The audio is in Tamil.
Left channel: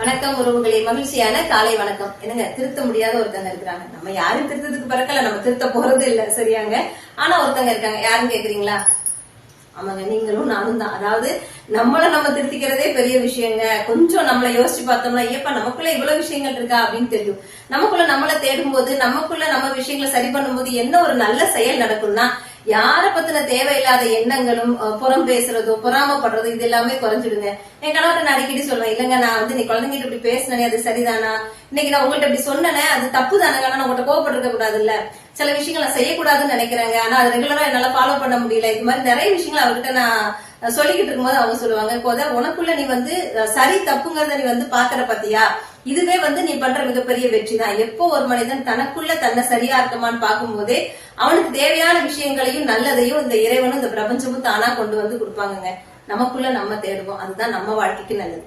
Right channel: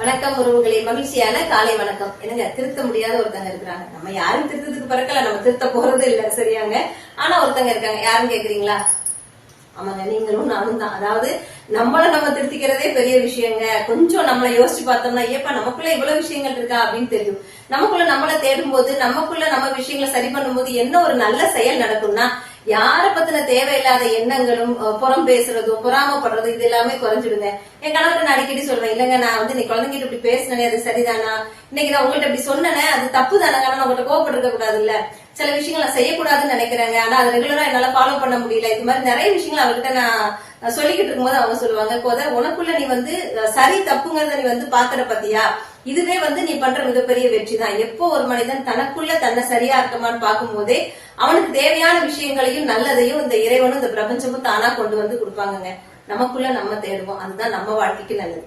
வணக்கம் உறவுகளே, மகிழ்ச்சியான காலை வணக்கம். என்னங்க, திருத்த முடியாத ஒருத்தங்க இருக்கிறாங்க. நம்ம யாரும் திருத்தத்துக்கு பிறக்கல, நம்ம திருத்த போறது இல்ல, சரியாங்க. ஆனா ஒருத்தங்க இருக்காங்க. யாரும் கேக்குறீங்களா? ஆமாங்க, நீங்களும் நானும் தான். அதாவது நம்மள நம்ம திருத்திக்கிறதே பெரிய விஷயங்க. கொஞ்சம் நம்மளை யோசிச்சு பார்த்தோம்னா, ஏப்பா நமக்குள்ள இவ்வளவு விஷயங்கள் இருக்கா அப்படின்னு தெரியும். நமக்குள்ள நம்மளை தேடும் போது, நமக்குள்ள நம்ம விஷயங்களை சரி பண்ணும்போது என்ன ஒரு நல்ல செயல் நடக்கும்னா, யார பத்தின தேவையில்லாத எண்ணங்களும் புறம் பேசுறதோ பொறாமப்படுறதோ இது எல்லாமே குறைஞ்சிடுங்க. என் கணவர்கிட்ட நான் அடிக்கடி சொல்வேன், இல்லங்க நான் நீ குழந்தைங்கிட்ட இப்படி பேசினே அது சரிதானா, இன்னைக்கு நான் உங்கள்கிட்ட இப்படி சொன்னேன் அது தப்பு தானே, ஆனா நான் உங்கள்கிட்ட கோவப்பட்டிருக்க கூடாது இல்ல, சில விஷயங்கள் நான் செய்யக்கூடாதுன்னு நினைக்கிறாங்க, ஆனா அது ரெகுலரா என்னால ஃபாலோ பண்ண முடியல. இது மாதிரி நிறைய விஷயங்கள் அவர்கிட்ட நான் சொல்லிக்கிட்டு இருக்கும்போது அவங்க சொல்லுவாங்க, உனக்குள்ள நீ சரி தப்புங்கிறத நீ பாக்குற பத்தியா, இதுவே நீ பண்ற மிகப்பெரிய வெற்றி தான். எப்போ ஒரு மனிதன் தனக்குள்ள தன்னை சரியா இருக்கமான்னு பார்க்கும் போதே அவனுக்கு தேவையான விஷயங்களையும் நல்லதையும் இந்த இறைவனும் இந்த பிரபஞ்சமும் தானா கொண்டு கொடுப்பாங்க. நமக்குள்ள நம்ம தேடுவோம், அதுதான் நம்ம வாழ்க்கைக்கு நல்லது.